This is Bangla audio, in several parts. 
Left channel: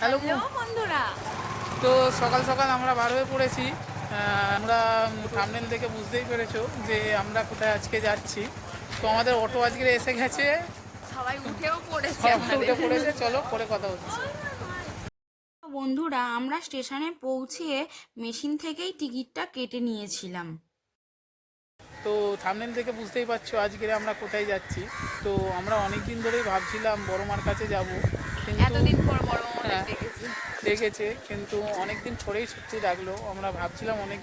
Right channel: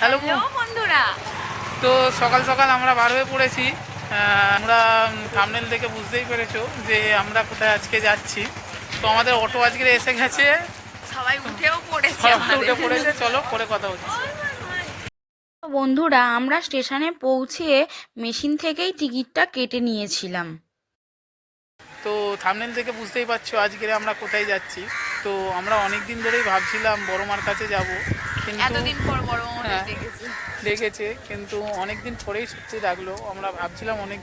হ্যালো বন্ধুরা। তো সকাল সকাল আমরা বার হয়ে পড়েছি। আমরা থামনেল দেখে বুঝতেই পেরেছ যে আমরা কোথায় আজকে যাচ্ছি। তো আমাদের অটো আজকে এসে গেছে। সবাই উঠেও পড়েছে উঠে পড়েছে চলো পরে কথা হচ্ছে বন্ধুরা আমরা স্টেশনে পৌঁছে মেশিন থেকেই টিকিটটা কেটে নিয়েছিলাম। তো থামনেল থেকে বুঝতেই পারছ আজকে আমরা কোথায় যাচ্ছি। তো আমরা অনেক দিন ধরেই ভাবছিলাম বড়মার কাছে যাব। কিন্তু এতদিন পর বড় হ্যাঁ। দেখেছি। ডেকেছে কিন্তু অনেক দিন পরেই সত্যি ডাকলো আমরা ভাবছিলাম অনেক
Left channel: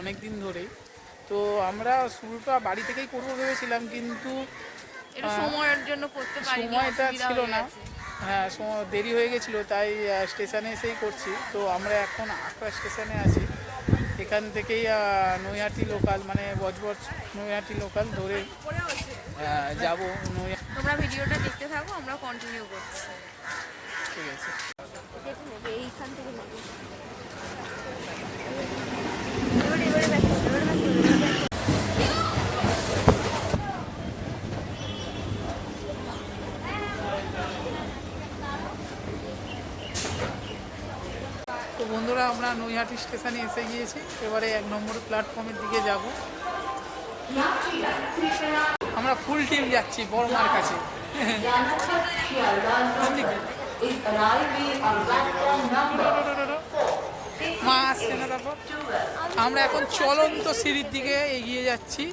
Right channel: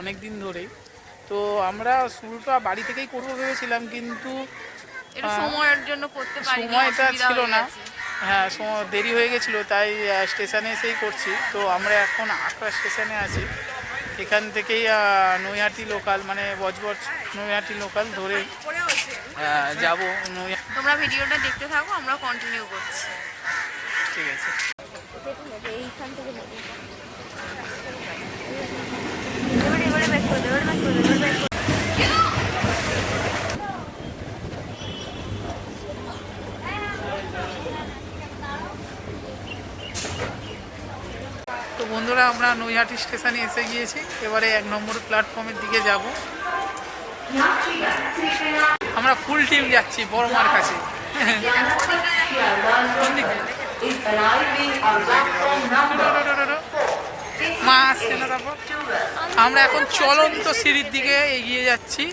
অনেক দিন ধরেই। তো আমরা শুরুটা বাড়ি থেকেই করব ভেবেছিলাম কিন্তু সময়ের জন্য করতে সময়টা ছিল না। হ্যাঁ সময় দেরি হয়ে গেছিল তাই স্টেশনে এসেই করছি। তো আমরা এখন আকরা স্টেশনে আছি। এখান থেকেই নৈহাটি লোকাল মানে বজবজ নৈহাটি লোকাল ধরে যাব নৈহাটি তোমরা ভিডিওটা দেখতে থাকো আমরা কন্টিনিউ করছি। ঠিক আছে। তো বন্ধুরা আমরা নৈহাটি স্টেশনে এসে গিয়েছি। এবারে এক নম্বর প্ল্যাটফর্মের দিকে যাব। আমরা ফুল টিম যাচ্ছি, বড় মার কাছে। মা আসছে না তারপর? আমরা এখন চলন্ত সিঁড়ির দিকে এগিয়ে যাচ্ছি,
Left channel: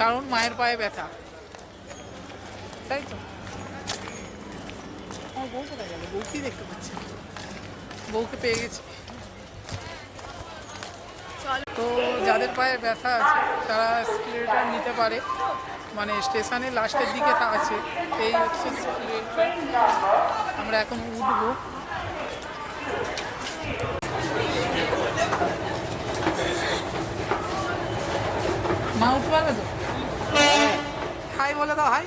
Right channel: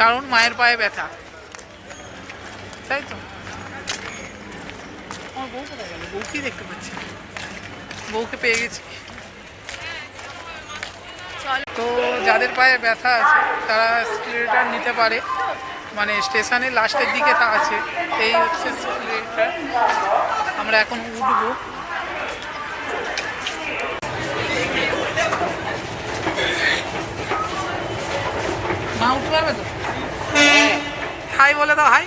কারণ মায়ের পায়ে ব্যথা। তাই তো? আমার বউ কোথায় গেল? বউকেই দেখতে পাচ্ছি বউকে পেয়ে গেছি। তো যাদের পায়ে ব্যথা আছে, তারা স্কুলেটার নিতে পারে। মানে স্টেশনে লাস্টের দিকে তা আছে। এই হচ্ছে স্কুলেটার। আমরা এখন উঠবো। মা, উঠতে পারবে তো? হাই বলে দাও, হাই।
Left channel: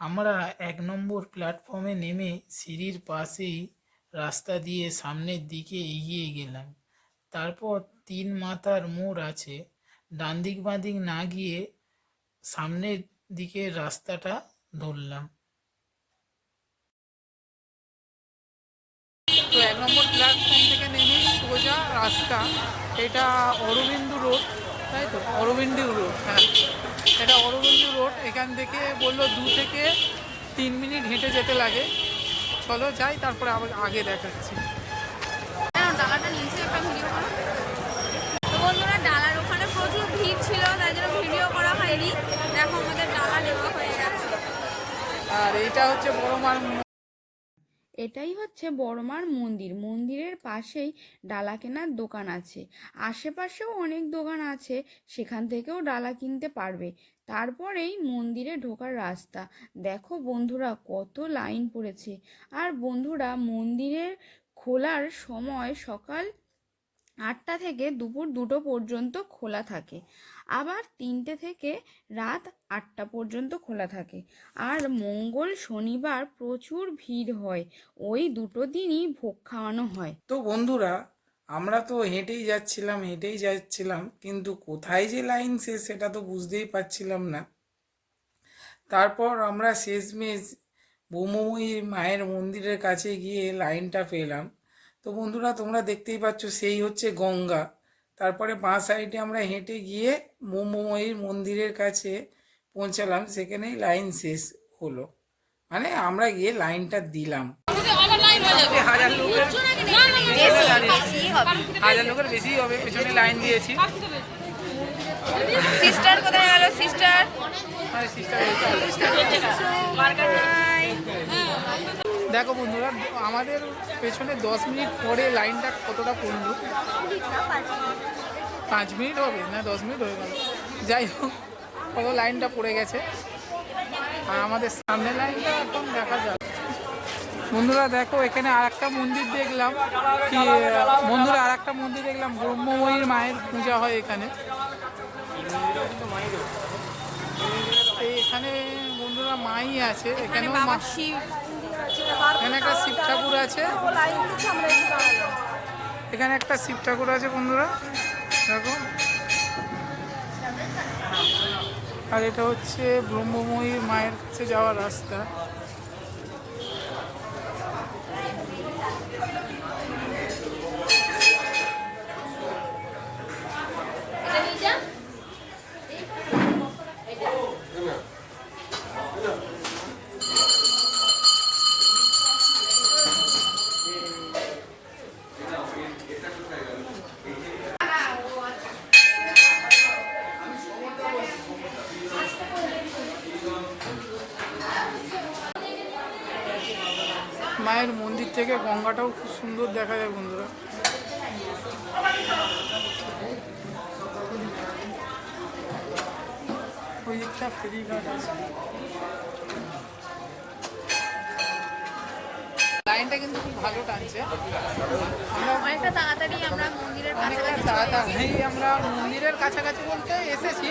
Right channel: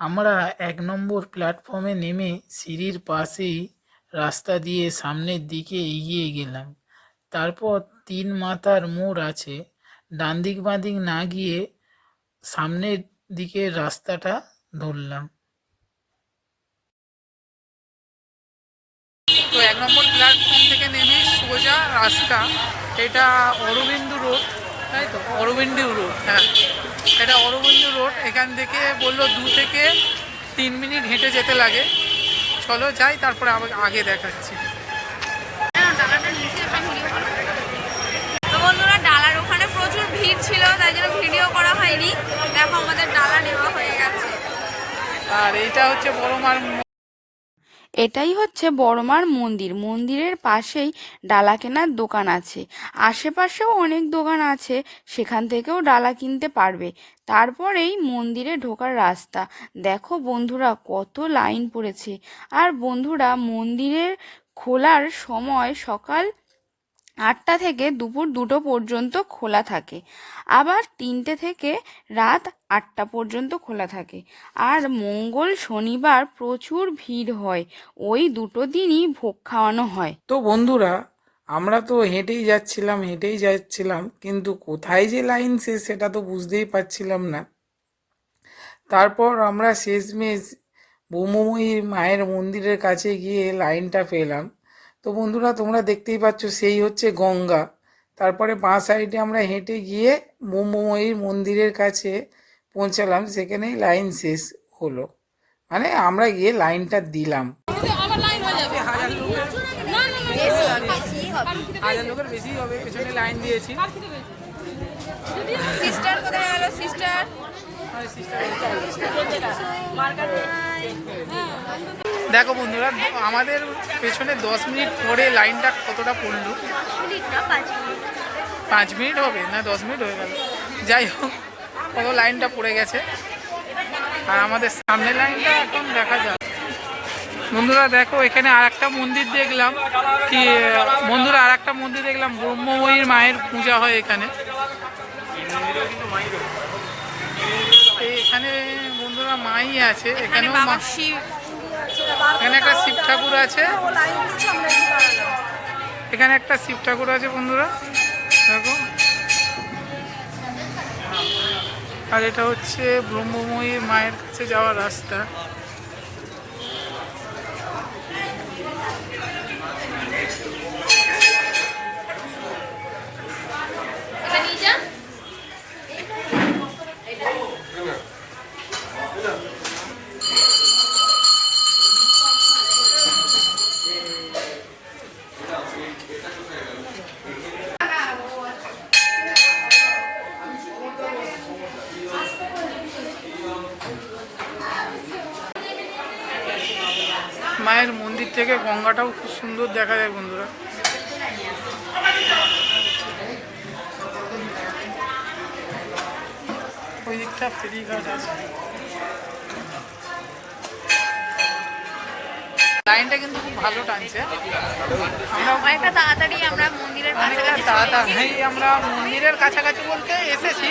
আমরা এক নম্বর প্ল্যাটফর্মে নেমে সিঁড়ির পাশেই রাস্তা দিয়ে সামনের দিকে এগিয়ে গেলাম। তারপর তিন মাথার মোড় আছে। ডান দিক বাঁ দিক না গিয়ে সামনের দিকে রাস্তাটা ধরলাম। তো এক নম্বর প্ল্যাটফর্ম থেকে নেমে সোজা রাস্তা। এটা অরবিন্দু রোড, তাই তো? অরবিন্দু রোড হ্যাঁ। এটা অরবিন্দু রোড, এখান থেকে বলল দু থেকে তিন মিনিট হেঁটে যেতে লাগে। চলো যাই তারপরে আগে দেখাচ্ছি। ডালার ওখানে প্রচুর ভিড় ছিল তাই জন্য ভিডিও করা হয়নি। দেখো আমাদের ডালা নেওয়া হয়ে গেছে। আর এইটা হচ্ছে বড় মার এটাই হচ্ছে বড়মার মন্দির। মন্দিরের পাশেই ডালা কেনার দোকান আছে। আশেপাশেও অনেক দোকান আছে, সেখান থেকেও ডালা কিনতে পারবে। তারপরেই মন্দিরে ঢোকার রাস্তা। দেখো বন্ধুরা, কত লাইন পড়েছে। আর বন্ধুরা, মন্দিরের খোলার সময় সকাল আটটা থেকে দুপুর দুটো পর্যন্ত খোলা থাকে। আবার তিনটে থেকে রাত আটটা পর্যন্ত খোলা থাকে। আর মঙ্গল শনিবার প্রচুর ভিড় হয়। ওই দুটো দিনই ভোগ খাওয়ানো হয়। তো বন্ধুরা, আমরা তো হেঁটেই যাচ্ছিলাম হেঁটেই যাচ্ছিলাম, কিন্তু কোথায় যে লাইন শেষ সেটা তো বুঝতেই পারছিলাম না। তারপর আমরা শেষমেশ বৌমময়ীর মায়ের মন্দিরের কাছে গিয়ে লাইনটা পেলাম। তো বন্ধুরা তোমরা দেখতেই পাচ্ছ সেই হচ্ছে গঙ্গা। তারপরে বাঁ সাইডে আমরা হেঁটে গিয়ে ব্রহ্মময়ীর মন্দিরের কাছে পৌঁছালাম সেখানেই লাইন শেষ হলো। মানে আমরা গিয়ে লাইনটা দিলাম। হাজার লোকের হাজার লোকের বেশি হবে পেছনে লাইন দিয়েছি। সিস্টার কোথায় গেল সিস্টার দেখো বন্ধুরা, আমাদের পেছনে দশ মিনিট পরে লাইনটা কতটা পড়ল? পাঁচ মিনিট হবে? না, দশ মিনিট হয়ে গেল। যাই হোক কত লাইনটা পড়ে গেছে। আর আমাদের সামনের লাইনটা এখন দেখা যাক। বন্ধুরা, দেখো, এখানে আর একটা মন্দির দেখলাম। কি, বন্ধুরা আর একটা মন্দির দেখলাম। ব্রহ্মময়ীর মায়ের পূজা হয় এখানে। এখানে বন্ধুরা মাই আছে। এখানেও মা শিব এখানে একটা শিব ঠাকুর আছে। এখানে একটা শিব ঠাকুর আছে বন্ধুরা। দেখো। আর এটা হচ্ছে ব্রহ্মময়ী মায়ের কাছে যাওয়ার রাস্তা। মায়ের মন্দির থেকে গঙ্গাটাও খুব সুন্দর দেখা যায় বন্ধুরা। ওই দিকটা ফেরিঘাট আছে। লাইনটা কিন্তু খুব ভালো টানছে। আমরা অনেকটা তাড়াতাড়ি আমরা মন্দিরের কাছাকাছি তাড়াতাড়ি আমরা মন্দিরের কাছাকাছি বলতে এসেছি।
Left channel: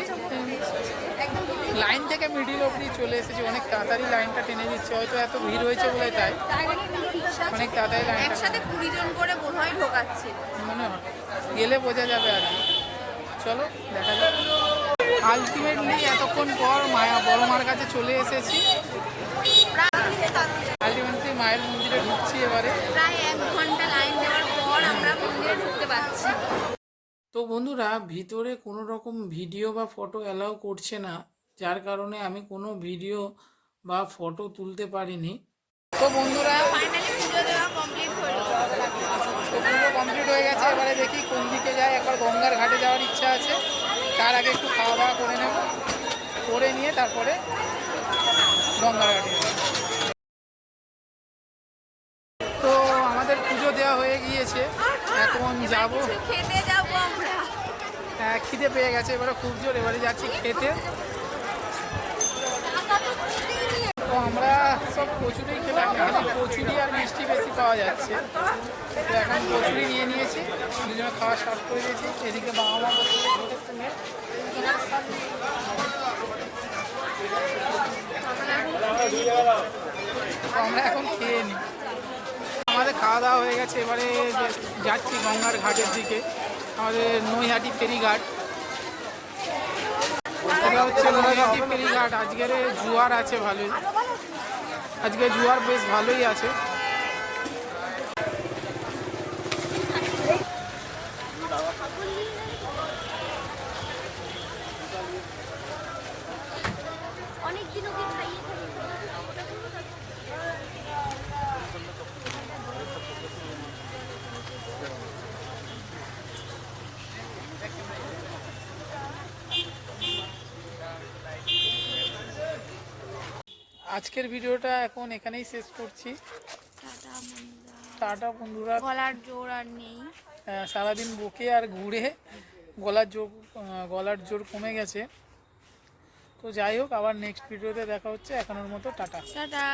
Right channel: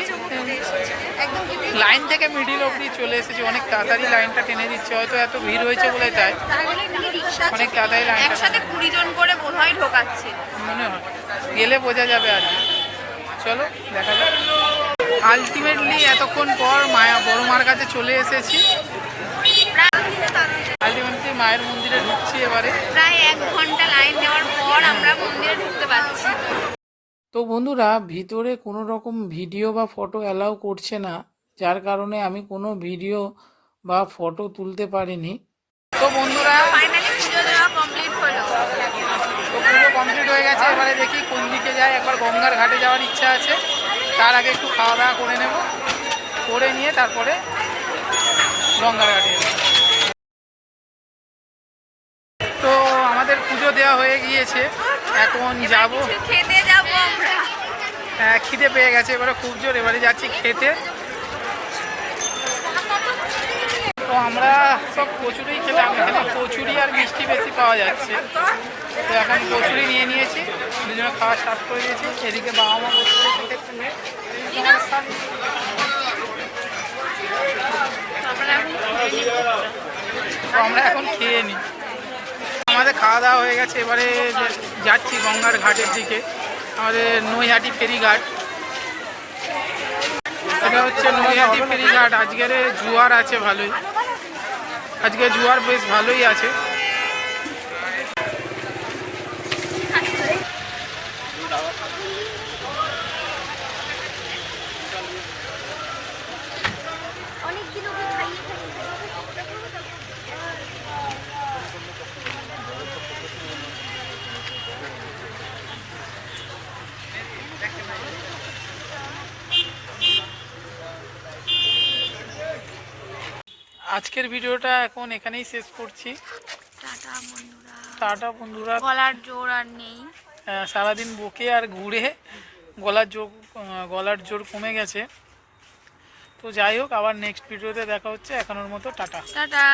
লাইন থেকে মিডিল অবধি চলে এসেছি। অনেক তাড়াতাড়ি লাইনটা টেনে দিচ্ছে। হয়তো এত ভিড় হয়েছে বলে তাই। অনেক তাড়াতাড়ি লাইনটা একসাথে কুড়ি জন করে বোধহয় ঢোকাচ্ছে। মনে হয়। গেলে বোঝা যাবে আর কি। চলো দেখা যাক। আলটিমেটলি এতক্ষণ পর মায়া বড় মার কাছে চলে এসেছি। আলটিমেটলি মায়ের মন্দিরে ঢুকছি এবারে। প্রায় এক ঘণ্টা লাইন দেওয়ার পর আমরা মন্দিরে ঢুকতে পারছি। তো বন্ধুরা ভিতরে কোনো রকম ভিডিও বা ফটো অ্যালাউ করছে না যার কারণে আমি কোনো ভিডিও বা ফটো তুলতে পারিনি। তো বন্ধুরা ফাইনালি পুজো দেওয়া কমপ্লিট হলো। তো পুরো কমপ্লিট হয়ে গেছে এবারে দেখি কোন দিকে যায়। একবার গঙ্গার ঘাটে যাওয়ার ইচ্ছা আছে তার আগে একটু খাওয়া দাওয়া করে নেব করে নিয়ে তারপরে গঙ্গার ঘাটে যাব। হয়ে গিয়েছে। এখন যাব। খেতে যাব আমরা। হ্যাঁ, খিদে পেয়ে গেছে এবারে খুব জোর এবারে যাচ্ছি খেতে। তো আমরা সব কচুরি খেলাম এখানে কচুরি আর মিষ্টি বেশি পাওয়া যাচ্ছে। তো এখন কচুরি নিয়ে নিয়েছি দুজনে খাওয়া স্টার্ট করে দিয়েছি। এদিকে বাবা মা কচুরি খেতে তো আমরা এখন খেয়ে নিই। আমাদের খাওয়া দাওয়া হয়ে গেছে, এবারে যাচ্ছি গঙ্গার ঘাটের দিকে, আমাদের নৈহাটি ফেরিঘাট। এটা হচ্ছে নৈহাটি ফেরিঘাট, আজকের জুয়ার আছে ভালোই। আজকে জুয়ার বেশ ভালোই আছে। আজকের ভিডিওটা এখন এখানেই শেষ করছি। টাটা বন্ধুরা। টাটা বন্ধুরা। গলার জোর আর নেই। সারাদিন বকে আর ঘুরে গলার জোর গলার জোর কমে গেছে। তো যাই হোক আবার নেক্সট ভিডিওতে দেখা হচ্ছে। এখনোর মতো টাটা। টাটা।